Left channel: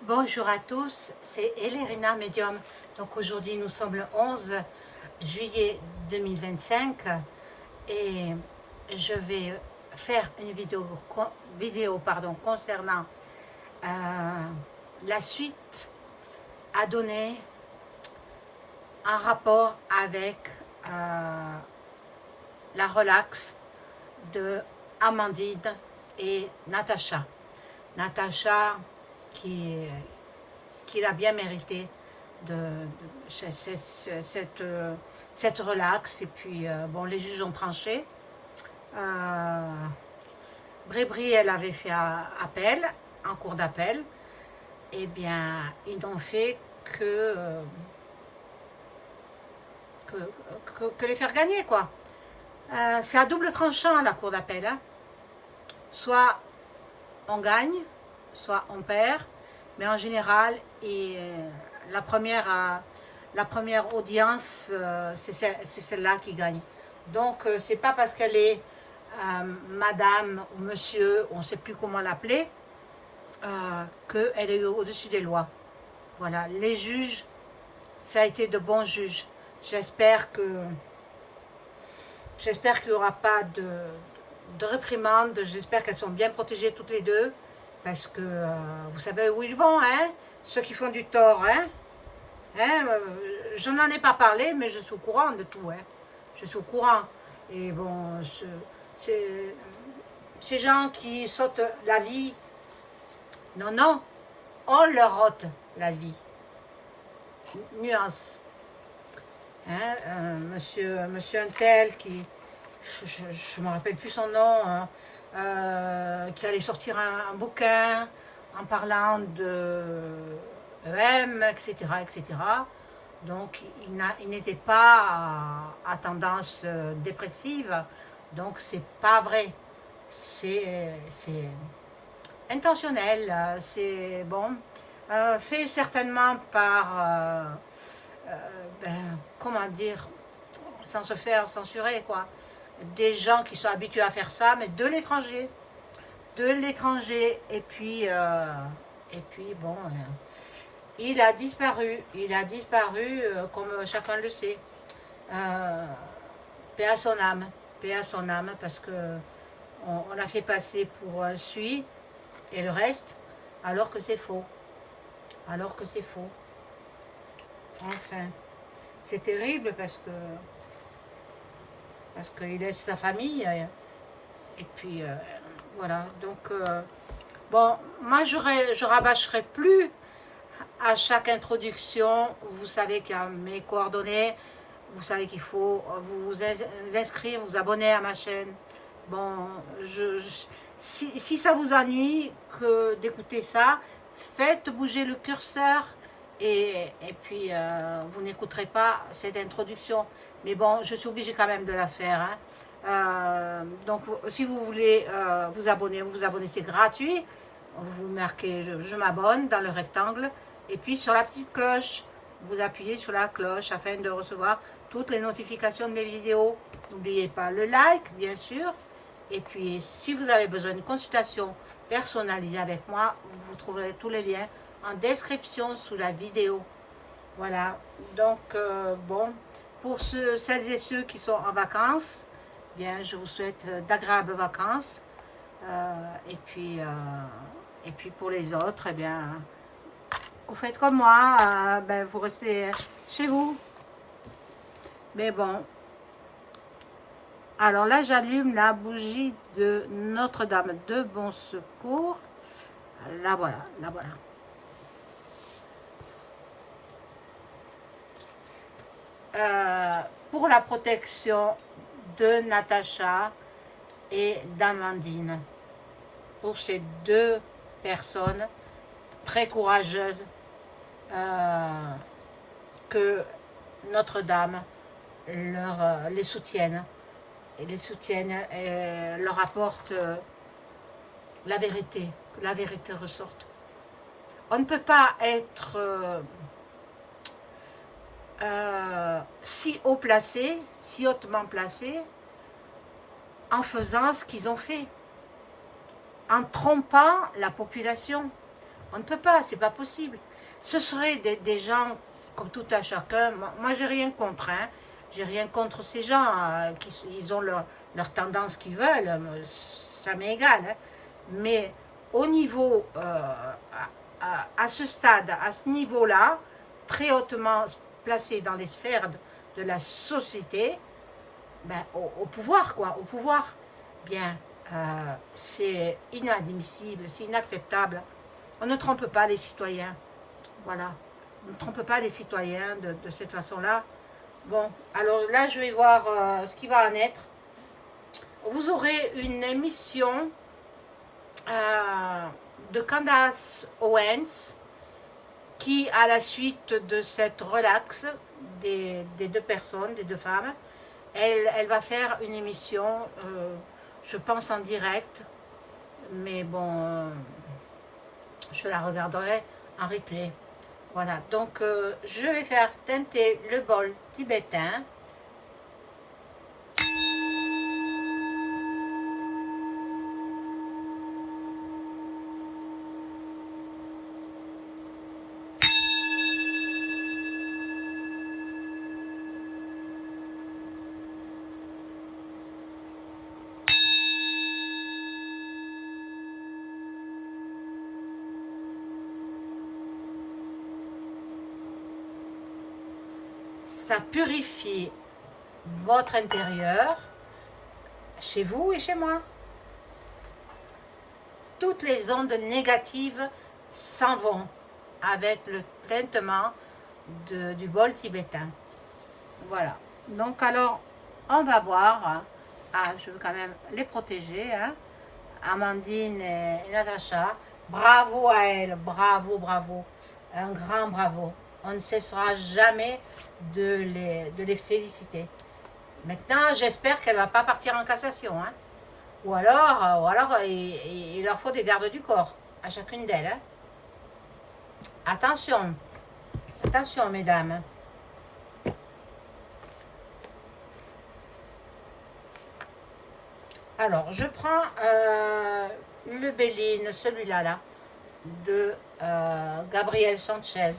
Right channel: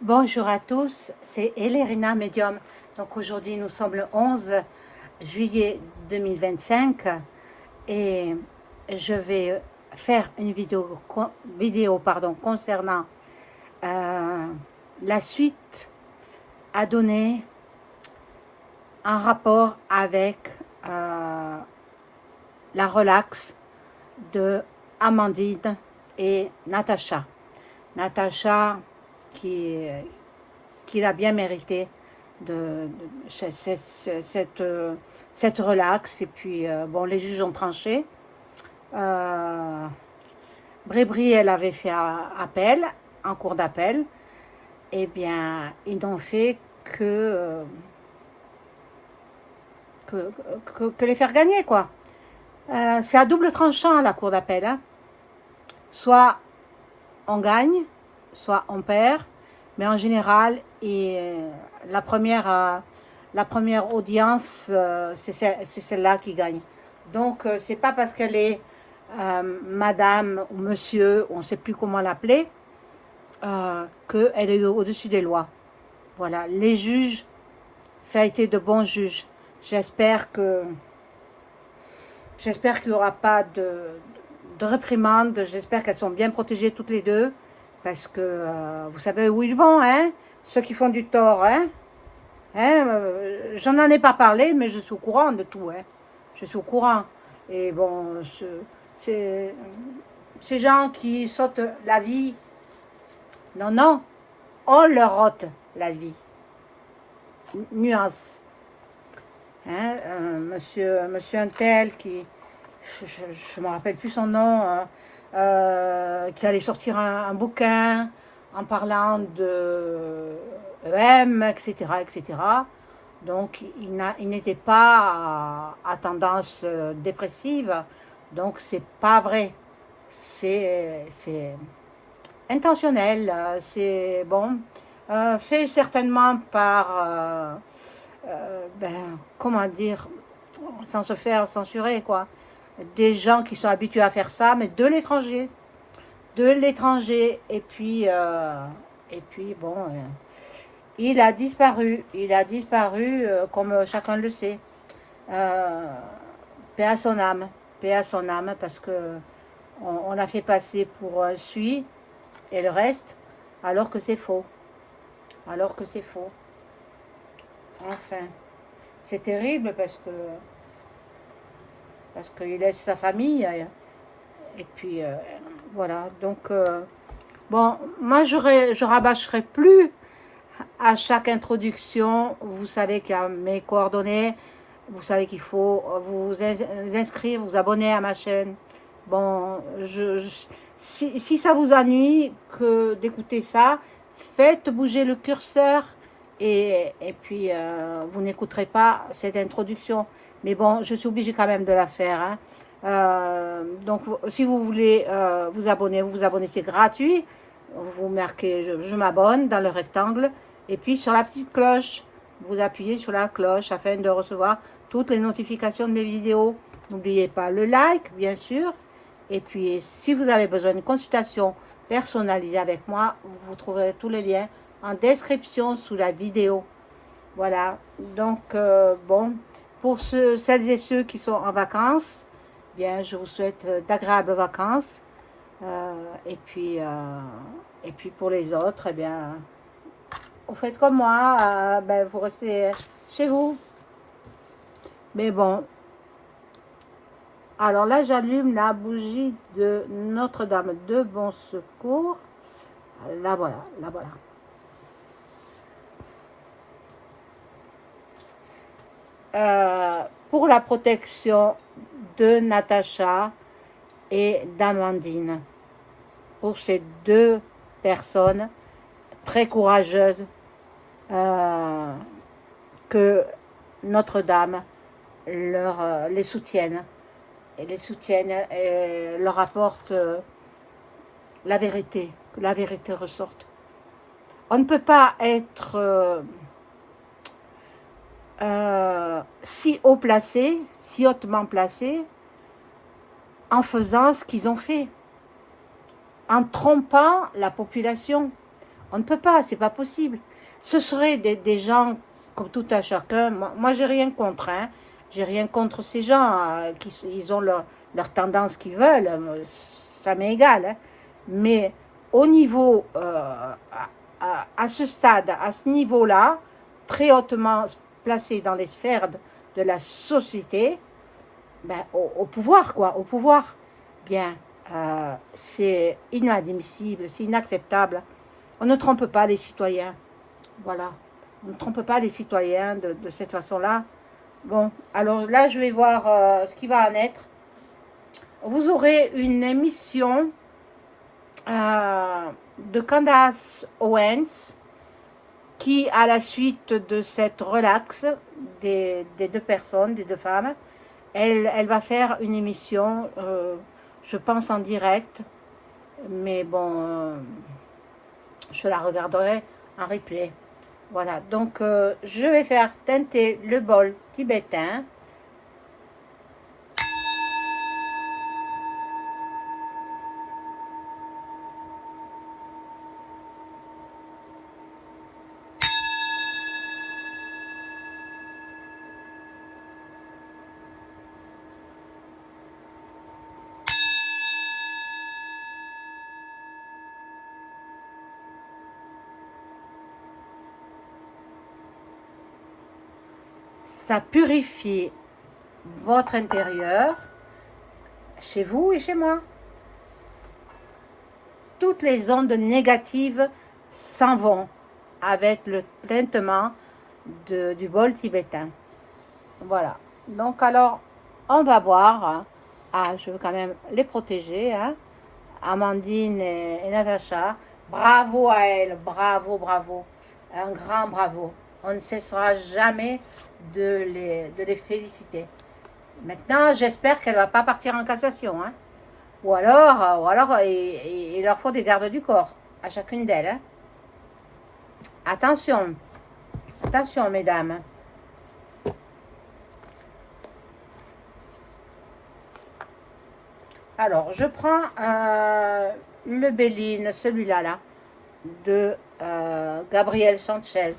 Bonjour à tous, c'est Elérina Medium. Donc aujourd'hui nous sommes le 11 juillet 2025 et je vais faire une vidéo concernant euh, la suite à donner en rapport avec la relaxe de Amandine et Natacha. Natacha qui, qui l'a bien mérité de cette relaxe. Et puis, bon, les juges ont tranché. Brébry, elle avait fait appel, en cours d'appel. Eh bien, ils n'ont fait que les faire gagner, quoi. C'est à double tranchant, la cour d'appel. Hein. Soit on gagne, soit on perd. Mais en général, la première audience, c'est celle-là qui gagne. Donc, c'est pas parce qu'elle est madame ou monsieur, on ne sait plus comment l'appeler, qu'elle est au-dessus des lois. Voilà, les juges, ça a été de bons juges. J'espère qu'il n'y aura pas de réprimande. J'espère qu'elles sont bien protégées toutes les deux. Parce que vous savez où ils vont, hein? Ceux qui font du tort, hein? J'en ai pas parlé, mais je suis au courant de tout, hein? Je suis au courant. Et bon, ces gens qui sautent la vie, non, non, on leur ôte la vie. Nuance. Hein? Monsieur Untel qui, je me rappelle plus son nom, qui allait sortir un bouquin en parlant de EM, etc., etc. Donc, il n'était pas à tendance dépressive. Donc, c'est pas vrai. C'est intentionnel. C'est bon. Fait certainement par, ben, comment dire, sans se faire censurer, quoi. Des gens qui sont habitués à faire ça, mais de l'étranger. De l'étranger. Et puis bon, il a disparu. Il a disparu, comme chacun le sait. Paix à son âme. Paix à son âme, parce que on l'a fait passer pour un sui et le reste, alors que c'est faux. Alors que c'est faux. Enfin, c'est terrible parce qu'il laisse sa famille. Et puis, voilà. Donc, bon, moi, je rabâcherai plus à chaque introduction. Vous savez qu'il y a mes coordonnées. Vous savez qu'il faut vous inscrire, vous abonner à ma chaîne. Bon, si ça vous ennuie que d'écouter ça, faites bouger le curseur et puis vous n'écouterez pas cette introduction. Mais bon, je suis obligée quand même de la faire. Hein. Donc, si vous voulez vous abonner, c'est gratuit. Vous marquez je m'abonne dans le rectangle. Et puis, sur la petite cloche, vous appuyez sur la cloche afin de recevoir toutes les notifications de mes vidéos. N'oubliez pas le like, bien sûr. Et puis, si vous avez besoin d'une consultation personnalisée avec moi, vous trouverez tous les liens en description sous la vidéo. Voilà. Donc, bon, pour celles et ceux qui sont en vacances, bien, je vous souhaite d'agréables vacances. Et puis pour les autres, eh bien, vous faites comme moi, ben, vous restez chez vous. Mais bon. Alors là, j'allume la bougie de Notre-Dame de Bon Secours. La voilà, la voilà. Pour la protection de Natacha et d'Amandine. Pour ces deux personnes très courageuses que Notre-Dame les soutienne. Et les soutiennent et leur apportent la vérité, que la vérité ressorte. On ne peut pas être si haut placé, si hautement placé, en faisant ce qu'ils ont fait, en trompant la population. On ne peut pas, c'est pas possible. Ce seraient des gens comme tout à chacun. Moi j'ai rien contre, hein. J'ai rien contre ces gens qui ils ont leur tendance qu'ils veulent. Ça m'est égal. Hein. Mais au niveau, à ce stade, à ce niveau-là, très hautement placé dans les sphères de la société, ben, au pouvoir, quoi, au pouvoir. Bien, c'est inadmissible, c'est inacceptable. On ne trompe pas les citoyens. Voilà. On ne trompe pas les citoyens de cette façon-là. Bon, alors là, je vais voir ce qui va en être. Vous aurez une émission de Candace Owens qui, à la suite de cette relaxe des deux personnes, des deux femmes, elle va faire une émission, je pense en direct, mais bon, je la regarderai en replay. Voilà, donc je vais faire teinter le bol tibétain. Ça purifie votre intérieur, chez vous et chez moi. Toutes les ondes négatives s'en vont avec le tintement du bol tibétain. Voilà. Donc alors, on va voir. Hein. Ah, je veux quand même les protéger. Hein. Amandine et Natacha. Bravo à elles. Bravo, bravo. Un grand bravo. On ne cessera jamais de les féliciter. Maintenant, j'espère qu'elle ne va pas partir en cassation. Hein. Ou alors il leur faut des gardes du corps à chacune d'elles. Hein. Attention. Attention, mesdames. Alors, je prends le Béline, celui-là, là, de Gabriel Sanchez.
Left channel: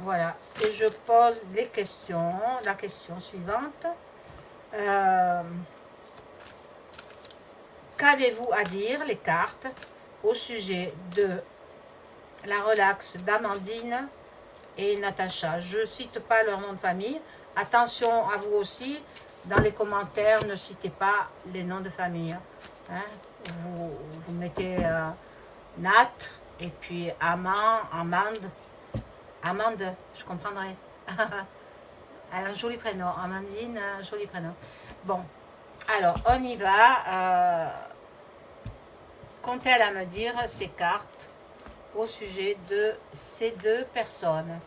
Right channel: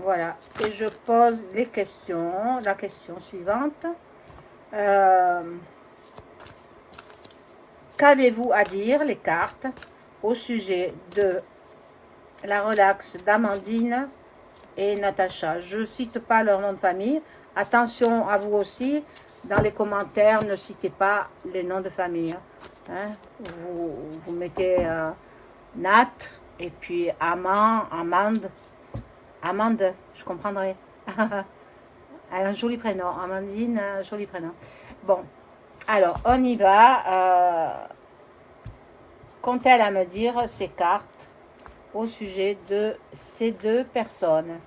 Voilà, et je pose les questions. La question suivante. Qu'avez-vous à dire, les cartes, au sujet de la relaxe d'Amandine et Natacha? Je ne cite pas leur nom de famille. Attention à vous aussi. Dans les commentaires, ne citez pas les noms de famille. Hein. Vous mettez Nat et puis Amande, je comprendrai. Un joli prénom. Amandine, un joli prénom. Bon, alors on y va. Qu'ont-elles à me dire ces cartes au sujet de ces deux personnes?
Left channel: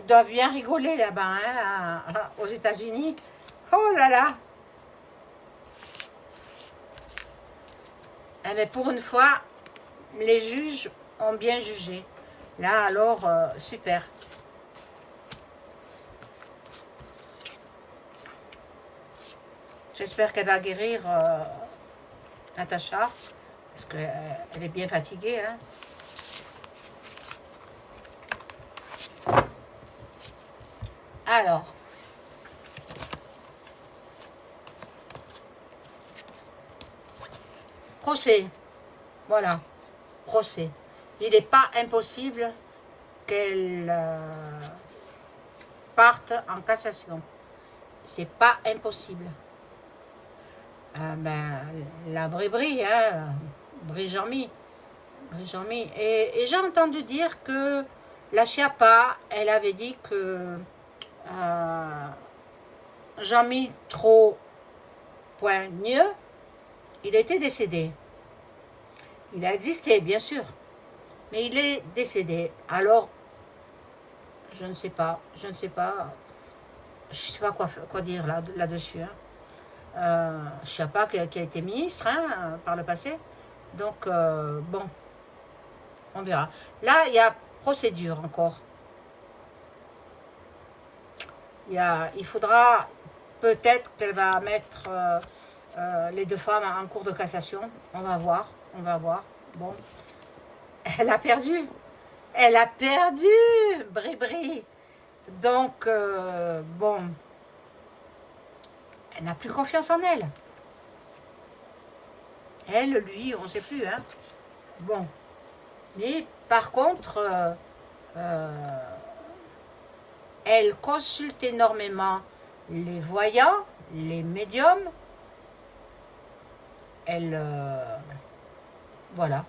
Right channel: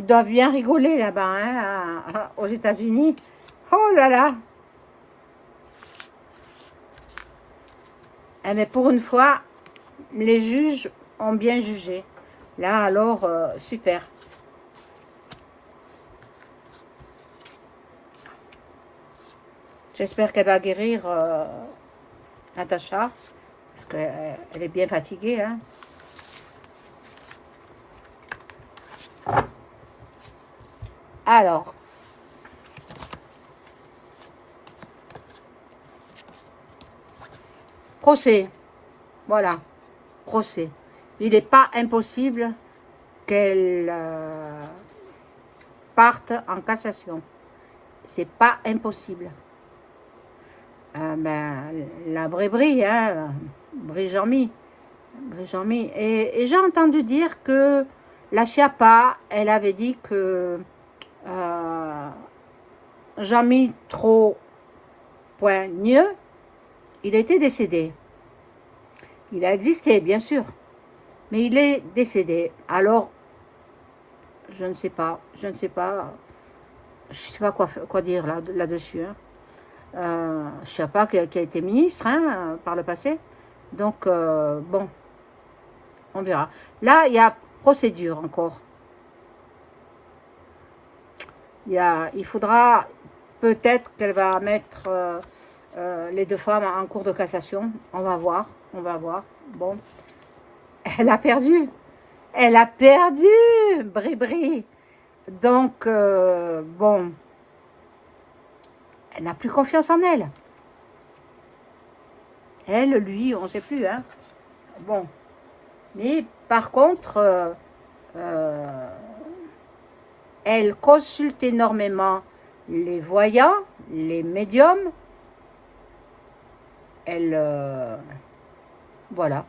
Ils doivent bien rigoler là-bas, hein, aux États-Unis. Oh là là! Eh bien, pour une fois, les juges ont bien jugé. Là, alors, super. J'espère qu'elle va guérir Natacha, parce qu'elle est bien fatiguée. Hein. Alors, procès. Voilà, procès. Il n'est pas impossible qu'elle parte en cassation. C'est pas impossible. La Brie, hein, Brie-Jean-Mi. Et j'ai entendu dire que la Chiappa, elle avait dit que Jean-Mi trop poigneux, il était décédé. Il a existé, bien sûr, mais il est décédé. Alors, je ne sais pas quoi dire là-dessus. Hein. je sais pas, qui a été ministre hein, par le passé. Donc, bon, on verra. Là, il y a procédure encore. Il faudra peut-être qu'elle va mettre les deux femmes en cours de cassation. On va voir, on va voir. Bon, elle a perdu. Elle a perdu, Bri-Bri. Donc, bon, elle n'a plus confiance en elle. Elle, lui, on ne sait plus. Hein. Bon, mais par contre, elle consulte énormément les voyants, les médiums. Elle, voilà.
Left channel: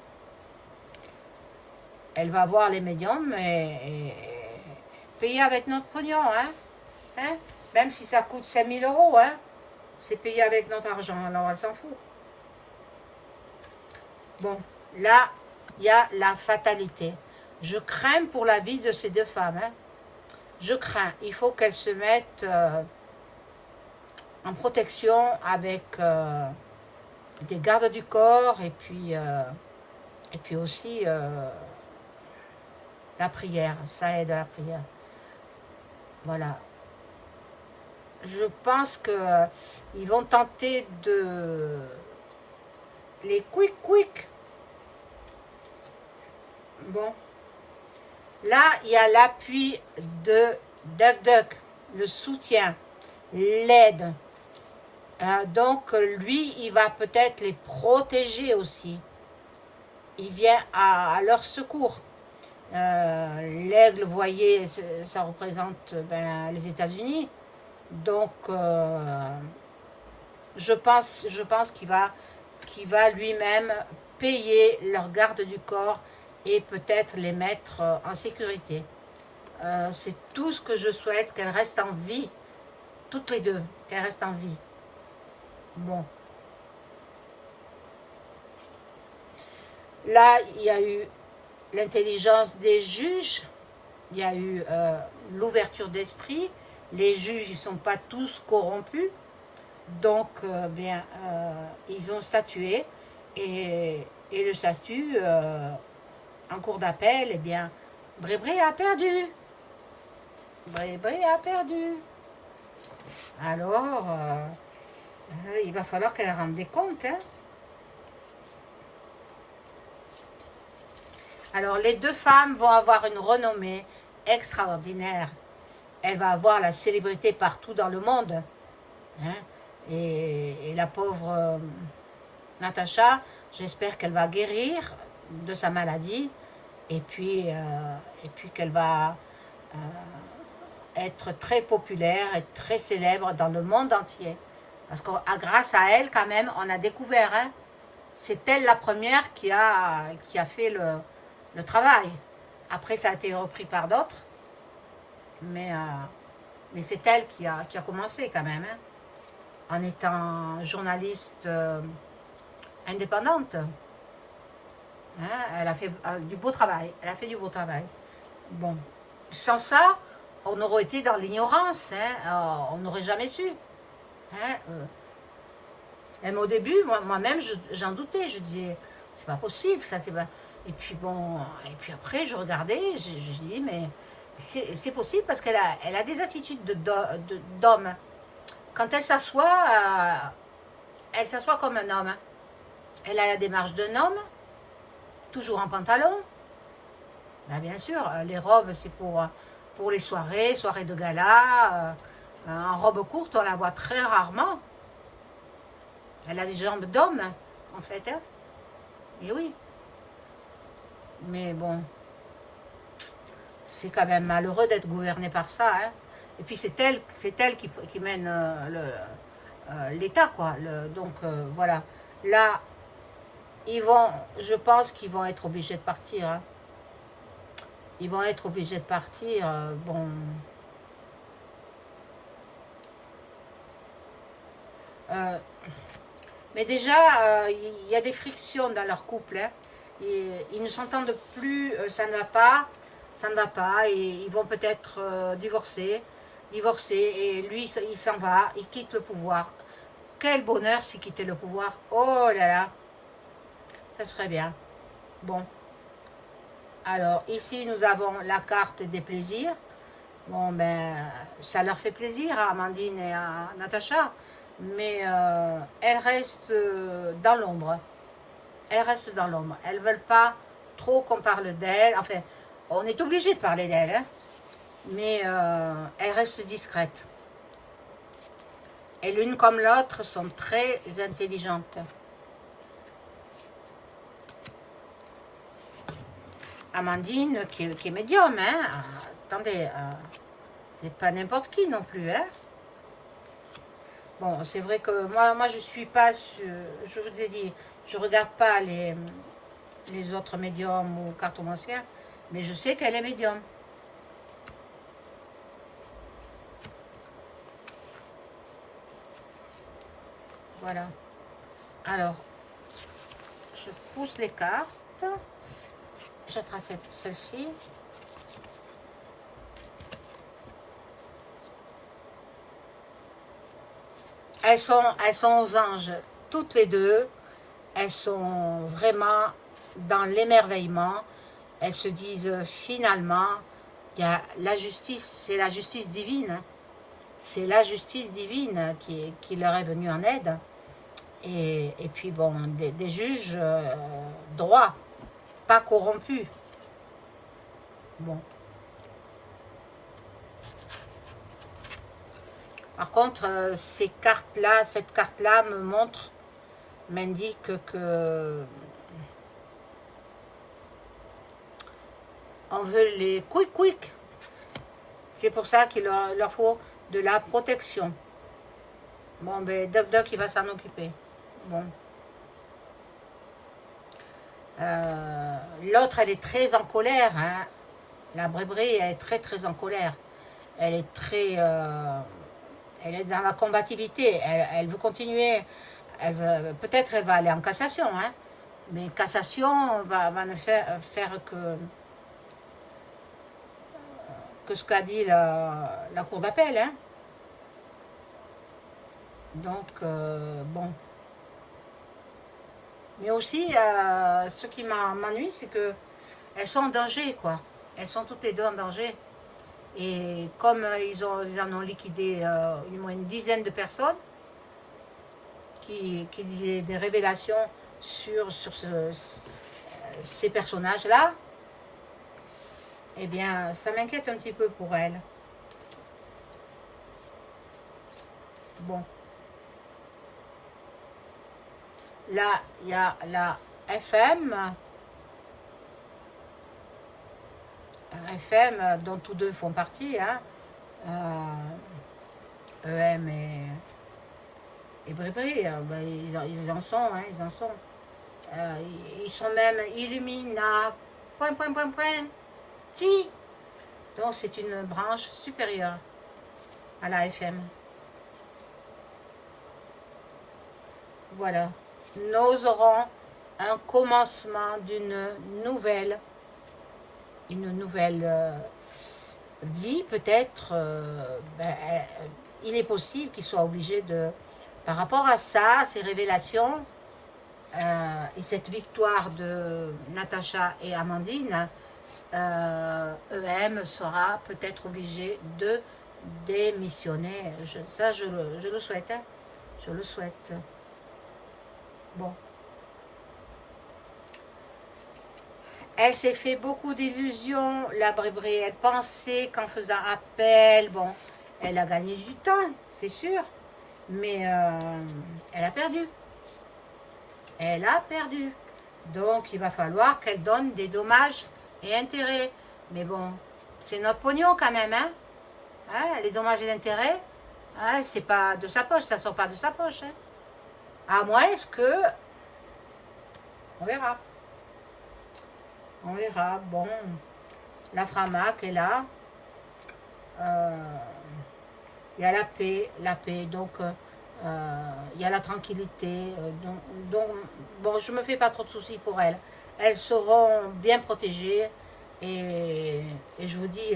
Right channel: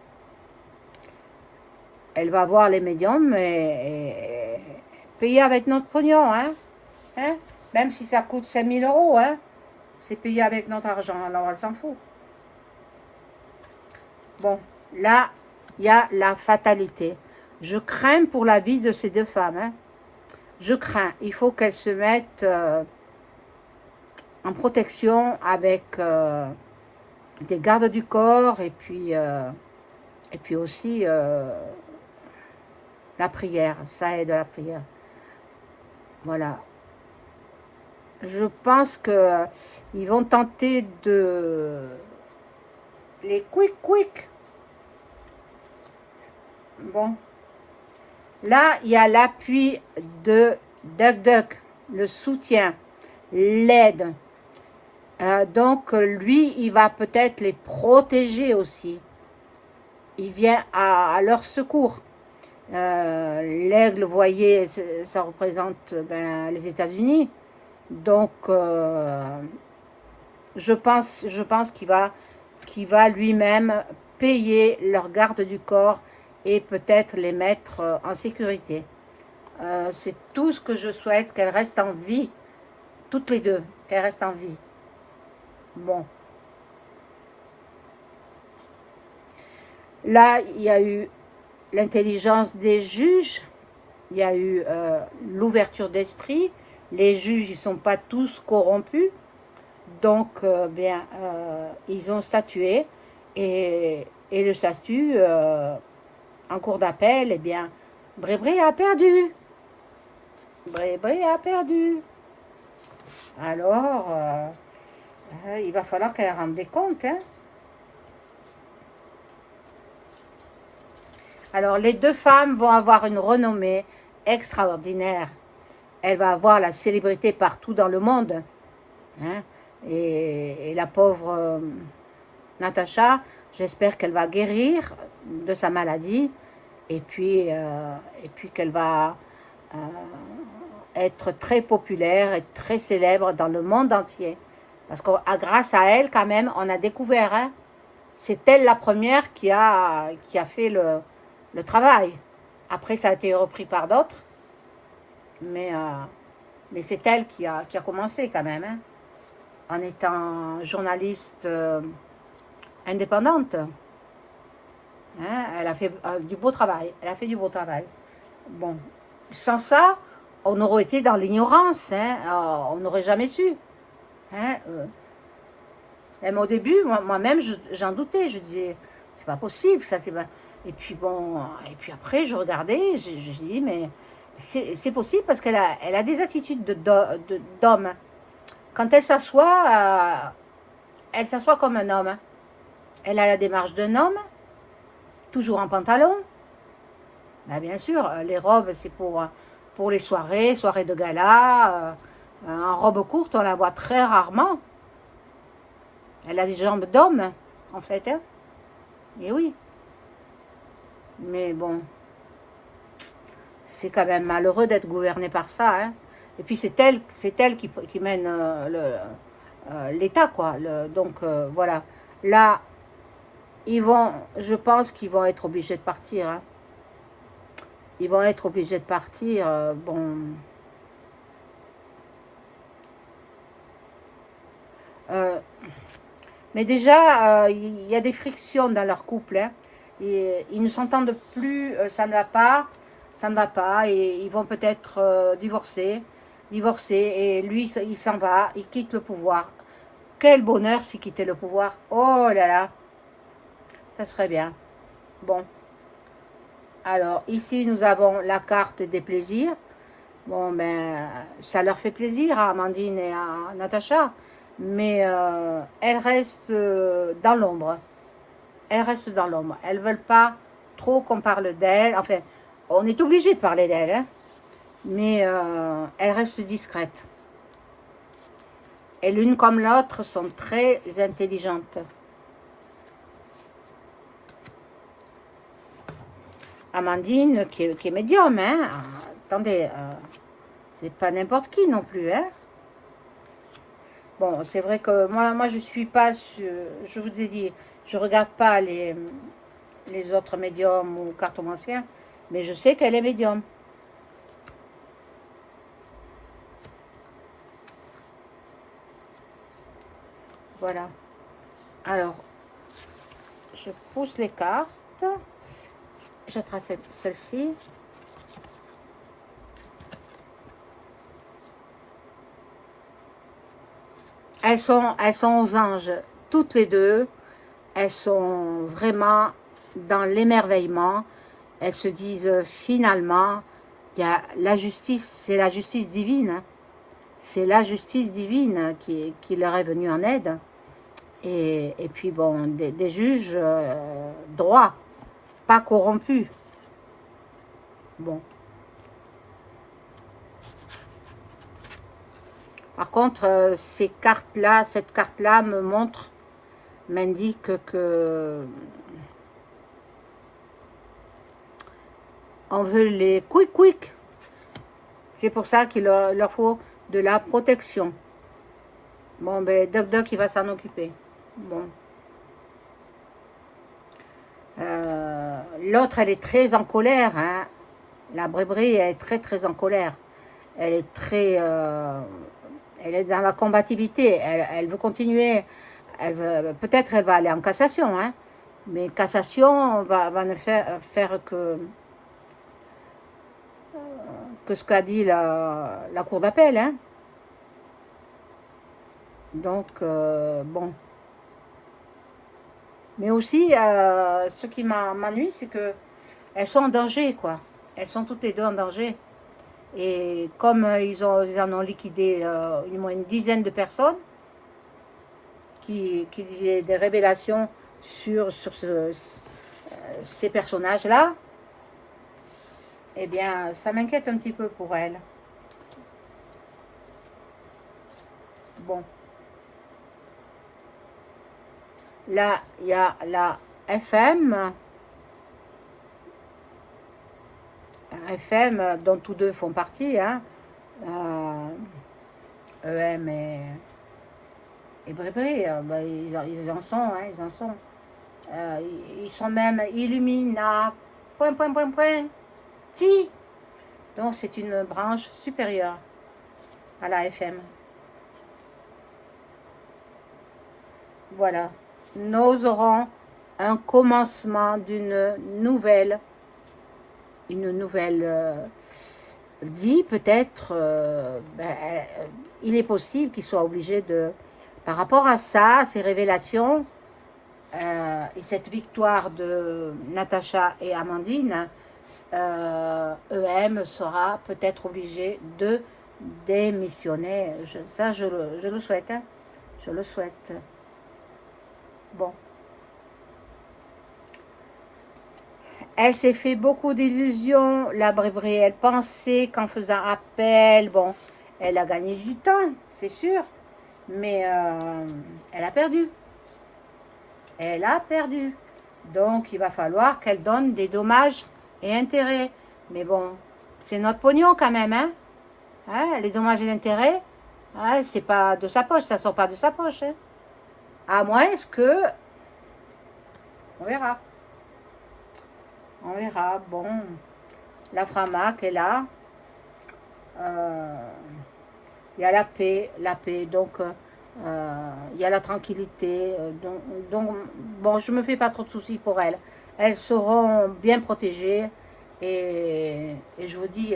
Elle va voir les médiums et payer avec notre pognon, hein. Hein? Même si ça coûte 5 000 €, hein. C'est payé avec notre argent, alors elle s'en fout. Bon, là, il y a la fatalité. Je crains pour la vie de ces deux femmes, hein. Je crains. Il faut qu'elles se mettent en protection avec des gardes du corps et puis aussi la prière. Ça aide à la prière. Voilà. Je pense qu'ils vont tenter de les quick. Bon. Là, il y a l'appui de DuckDuck, le soutien, l'aide. Donc, lui, il va peut-être les protéger aussi. Il vient à leur secours. L'aigle, vous voyez, ça représente les États-Unis. Donc, je pense qu'il va lui-même payer leur garde du corps et peut-être les mettre en sécurité. C'est tout ce que je souhaite, qu'elles restent en vie, toutes les deux, qu'elles restent en vie. Bon. Là, il y a eu l'intelligence des juges, il y a eu l'ouverture d'esprit. Les juges, ils ne sont pas tous corrompus. Donc, ils ont statué. Et le statut, en cours d'appel, eh bien, Bri-Bri a perdu. Bri-Bri a perdu. Alors, il va falloir qu'elle rende des comptes, hein. Alors, les deux femmes vont avoir une renommée extraordinaire. Elle va avoir la célébrité partout dans le monde. Hein. Et la pauvre Natacha, j'espère qu'elle va guérir de sa maladie et puis qu'elle va être très populaire et très célèbre dans le monde entier. Parce que grâce à elle, quand même, on a découvert, hein, c'est elle la première qui a fait le travail. Après, ça a été repris par d'autres. Mais c'est elle qui a commencé quand même, hein, en étant journaliste indépendante. Hein, elle a fait du beau travail. Bon, sans ça, on aurait été dans l'ignorance. Hein, on n'aurait jamais su. Hein, même au début, moi-même, j'en doutais. Je disais, c'est pas possible, ça, c'est pas... Et puis bon, et puis après, je regardais, je dis, mais c'est possible parce qu'elle a des attitudes d'homme. Quand elle s'assoit comme un homme. Elle a la démarche d'un homme, toujours en pantalon. Ben, bien sûr, les robes, c'est pour les soirées de gala. En robe courte, on la voit très rarement. Elle a des jambes d'homme, en fait. Hein. Et oui. Mais bon, c'est quand même malheureux d'être gouverné par ça. Hein. Et puis c'est elle qui mène l'État, quoi. Donc voilà. Là, je pense qu'ils vont être obligés de partir. Hein. Ils vont être obligés de partir. Bon. Mais déjà, il y a des frictions dans leur couple. Hein. Et ils ne s'entendent plus, ça ne va pas, et ils vont peut-être divorcer, et lui, il s'en va, il quitte le pouvoir. quel bonheur si quitter le pouvoir. Oh là là, ça serait bien. Bon, alors ici nous avons la carte des plaisirs. Bon, ben, ça leur fait plaisir à Amandine et à Natacha, mais elles restent dans l'ombre. Elles restent dans l'ombre. Elles ne veulent pas trop qu'on parle d'elles. Enfin, on est obligé de parler d'elles, hein, mais elles restent discrètes. Et l'une comme l'autre sont très intelligentes. Amandine, qui est médium, hein. Attendez, c'est pas n'importe qui non plus, hein. Bon, c'est vrai que moi je suis pas, je vous ai dit, je regarde pas les autres médiums ou cartomanciens, mais je sais qu'elle est médium. Voilà. Alors, je pousse les cartes. Je trace celle-ci. Elles sont aux anges, toutes les deux. Elles sont vraiment dans l'émerveillement. Elles se disent finalement, il y a la justice, c'est la justice divine. C'est la justice divine qui leur est venue en aide. Et puis bon, des juges droits, pas corrompus. Bon. Par contre, ces cartes-là, cette carte-là me montre, m'indique que on veut les quick. C'est pour ça qu'il leur faut de la protection. Bon, ben, Doc, il va s'en occuper. Bon. L'autre, elle est très en colère, hein. La Brébrie, elle est très en colère. Elle est très... elle est dans la combativité. Elle veut continuer. Peut-être elle va aller en cassation, hein. Mais cassation va ne faire que ce qu'a dit la cour d'appel, hein. Donc, bon. Mais aussi, ce qui m'ennuie, c'est que elles sont en danger, quoi. Elles sont toutes les deux en danger. Et comme ils en ont liquidé au moins une dizaine de personnes qui disaient des révélations sur ces personnages-là, eh bien, ça m'inquiète un petit peu pour elles. Bon. Là, il y a la FM. FM, dont tous deux font partie, hein. EM et Brébri, ben, ils en sont, hein, ils en sont. Ils sont même Illumina, point. Ti. Donc c'est une branche supérieure à la FM. Voilà. Nous aurons un commencement d'une nouvelle vie, peut-être. Il est possible qu'il soit obligé de, par rapport à ça, ces révélations et cette victoire de Natacha et Amandine, EM sera peut-être obligé de démissionner. Ça, je le souhaite, hein. Je le souhaite. Bon. Elle s'est fait beaucoup d'illusions, la Brébrie. Elle pensait qu'en faisant appel, bon, elle a gagné du temps, c'est sûr. Mais elle a perdu. Elle a perdu. Donc, il va falloir qu'elle donne des dommages et intérêts. Mais bon, c'est notre pognon quand même, hein. Les dommages et intérêts, c'est pas de sa poche, ça ne sort pas de sa poche, hein. À moins que... On verra. On verra. Bon, la Framac est là. Il y a la paix. Donc, il y a la tranquillité. Donc, bon, je me fais pas trop de soucis pour elles. Elles seront bien protégées. Et je vous dis,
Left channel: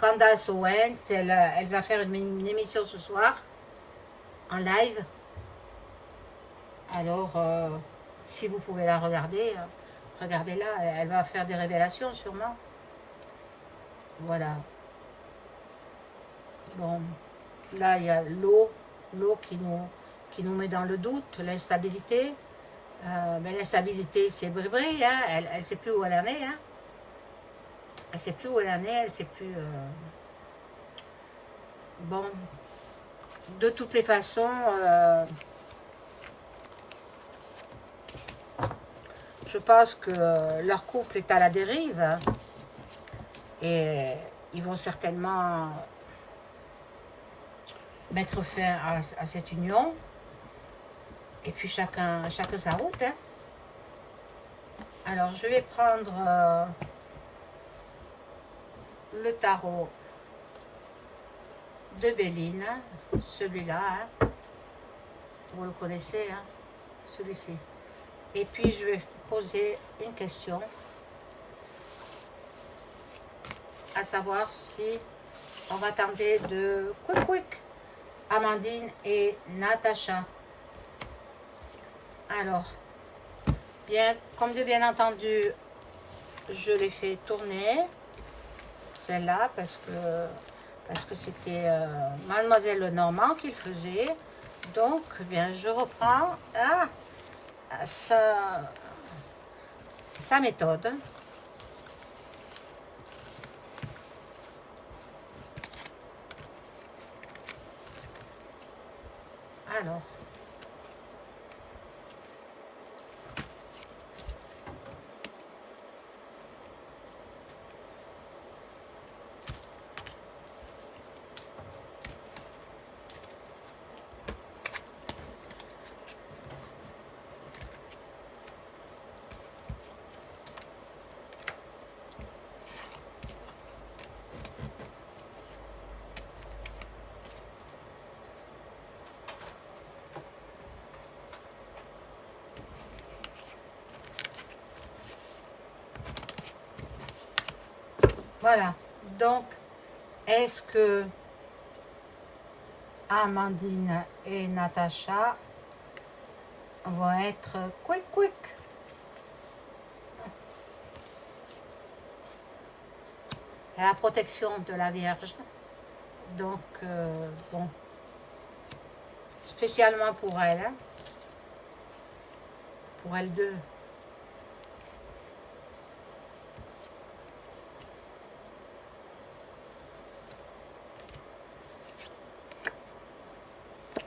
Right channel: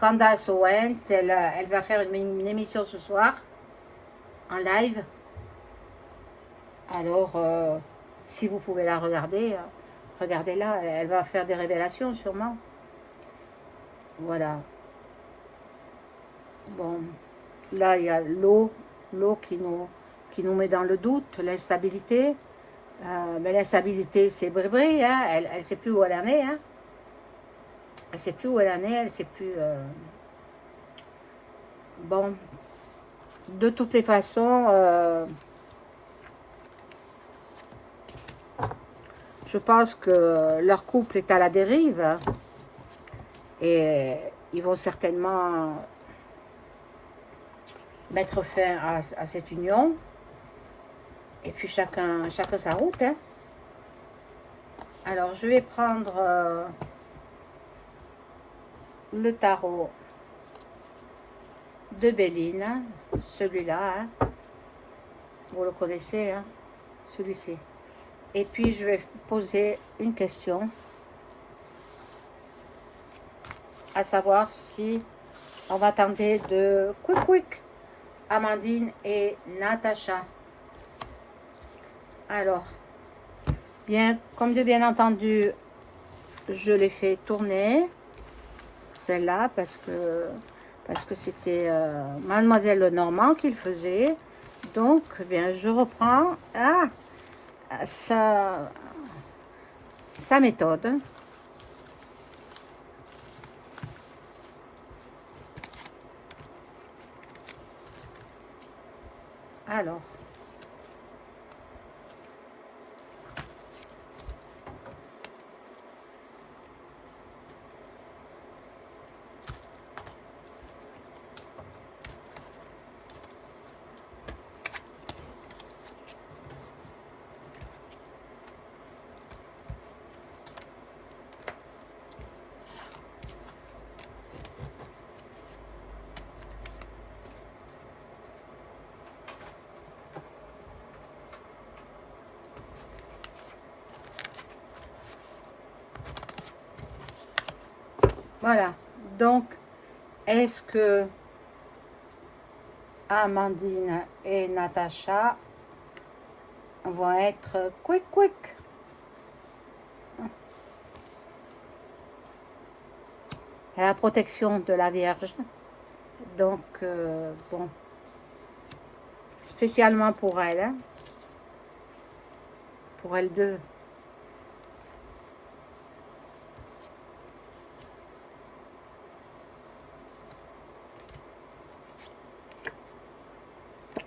Candace Owens, elle va faire une émission ce soir, en live. Alors, si vous pouvez la regarder, regardez-la, elle va faire des révélations sûrement. Voilà. Bon, là il y a l'eau qui nous met dans le doute, l'instabilité. Mais l'instabilité, c'est vrai, hein, elle ne sait plus où elle en est. Hein. Elle ne sait plus où elle en est, elle ne sait plus... Bon, de toutes les façons, je pense que leur couple est à la dérive et ils vont certainement mettre fin à cette union. Et puis chacun sa route. Hein. Alors je vais prendre le tarot de Béline, celui-là. Hein. Vous le connaissez, hein, celui-ci. Et puis je vais poser une question, à savoir si on va tenter de quick Amandine et Natacha. Alors, comme de bien entendu, je l'ai fait tourner, celle-là, parce que c'était Mademoiselle Lenormand qui le faisait. Donc, bien, je reprends sa méthode. Alors, voilà. Donc, est-ce que Amandine et Natacha vont être quick? Et la protection de la Vierge. Donc, bon, spécialement pour elle, hein, pour elles deux.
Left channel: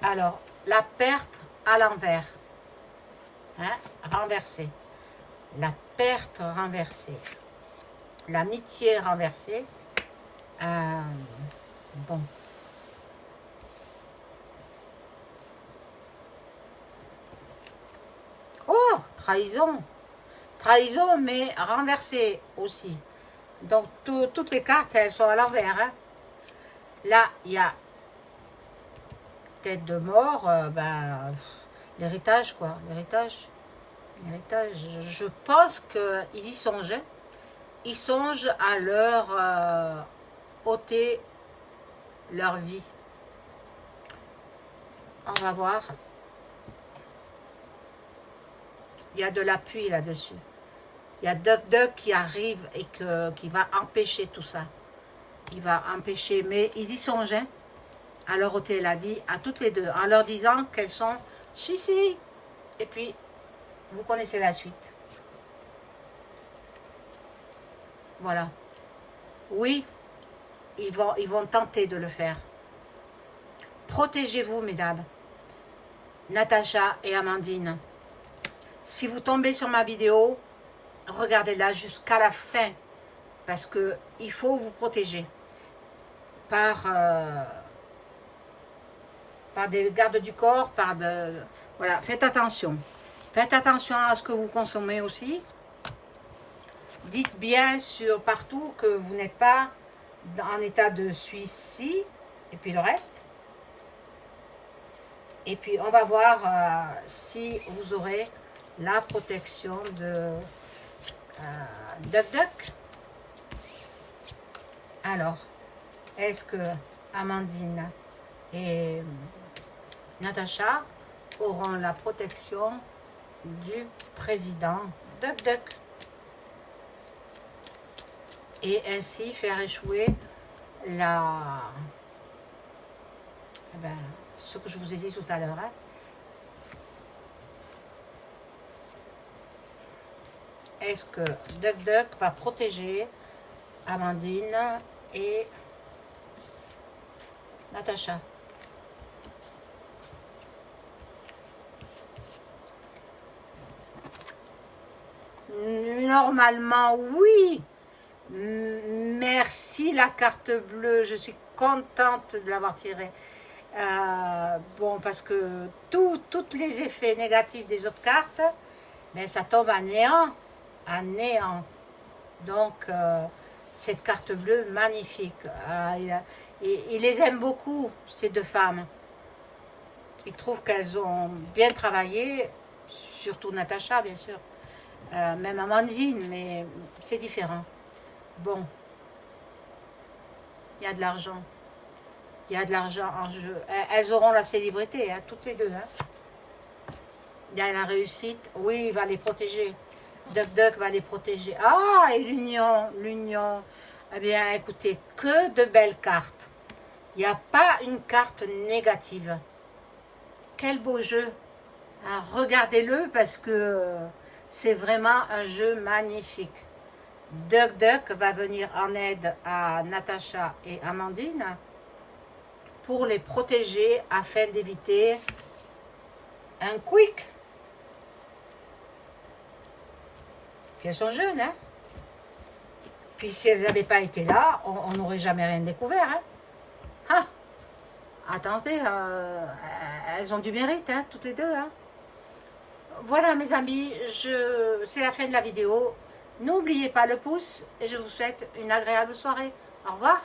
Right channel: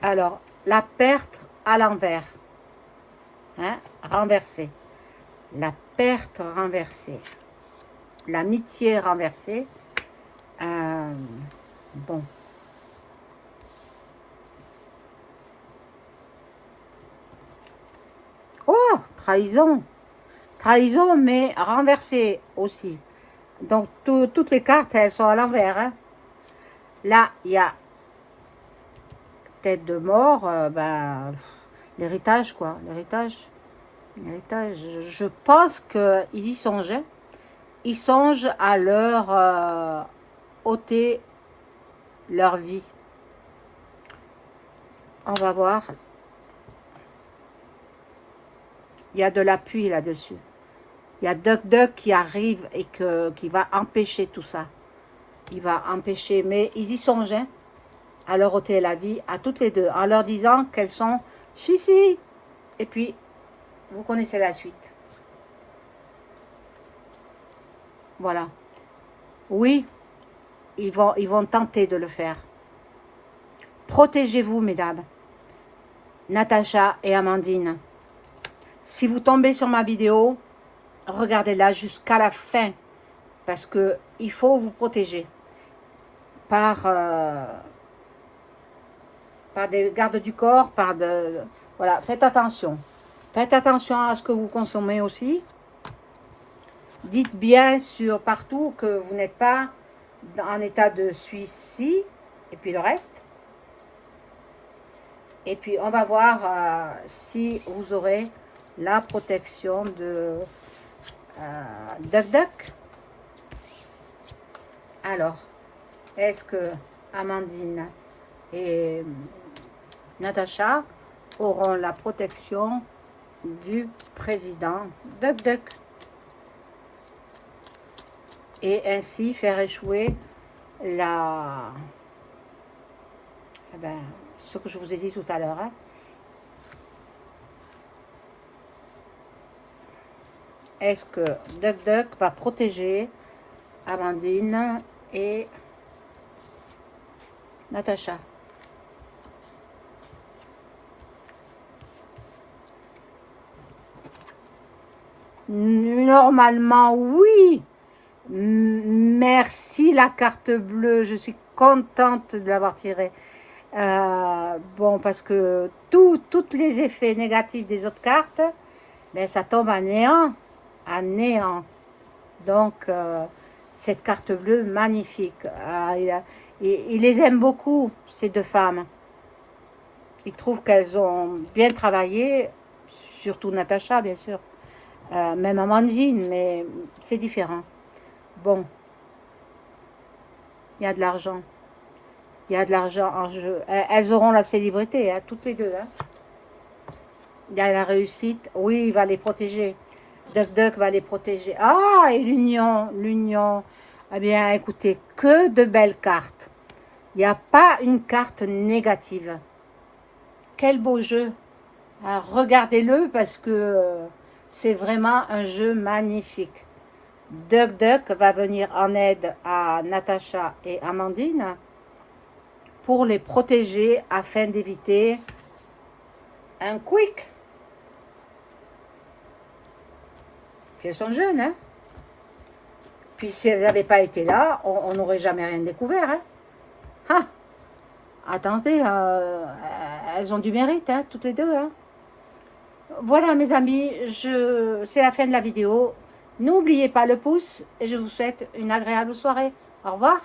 Alors, la perte à l'envers, hein, renversée. La perte renversée. L'amitié renversée. Bon. Oh, trahison. Trahison, mais renversée aussi. Donc, toutes les cartes, elles sont à l'envers. Hein. Là, il y a tête de mort, l'héritage, quoi. L'héritage. Je pense qu'ils y songent. Hein. Ils songent à leur ôter leur vie. On va voir. Il y a de l'appui là-dessus. Il y a Duck qui arrive et qui va empêcher tout ça. Il va empêcher, mais ils y songent, hein, à leur ôter la vie, à toutes les deux, en leur disant qu'elles sont suicides. Et puis, vous connaissez la suite. Voilà. Oui, ils vont tenter de le faire. Protégez-vous, mesdames. Natacha et Amandine. Si vous tombez sur ma vidéo, regardez-la jusqu'à la fin. Parce qu'il faut vous protéger. Par des gardes du corps, voilà, faites attention. Faites attention à ce que vous consommez aussi. Dites bien partout que vous n'êtes pas en état de suicide. Et puis le reste. Et puis on va voir si vous aurez la protection de Duck. Alors, est-ce que Amandine et Natacha auront la protection du président Duck Duck. Et ainsi faire échouer la... Eh ben, ce que je vous ai dit tout à l'heure. Hein. Est-ce que Duck Duck va protéger Amandine et Natacha? Normalement, oui. Merci la carte bleue. Je suis contente de l'avoir tirée. Bon, parce que tous les effets négatifs des autres cartes, ben, ça tombe à néant. À néant. Donc, cette carte bleue, magnifique. Il les aime beaucoup, ces deux femmes. Il trouve qu'elles ont bien travaillé, surtout Natacha, bien sûr. Même Amandine, mais c'est différent. Bon, il y a de l'argent. Il y a de l'argent en jeu. Elles auront la célébrité, hein, toutes les deux. Hein. Il y a la réussite. Oui, il va les protéger. Duck Duck va les protéger. Ah, et l'union. Eh bien, écoutez, que de belles cartes. Il n'y a pas une carte négative. Quel beau jeu. Ah, regardez-le parce que c'est vraiment un jeu magnifique. Duck Duck va venir en aide à Natacha et Amandine pour les protéger afin d'éviter un quick. Puis elles sont jeunes, hein. Puis si elles n'avaient pas été là, on n'aurait jamais rien découvert, hein. Ah, attendez, elles ont du mérite, hein, toutes les deux, hein. Voilà mes amis, c'est la fin de la vidéo. N'oubliez pas le pouce et je vous souhaite une agréable soirée. Au revoir.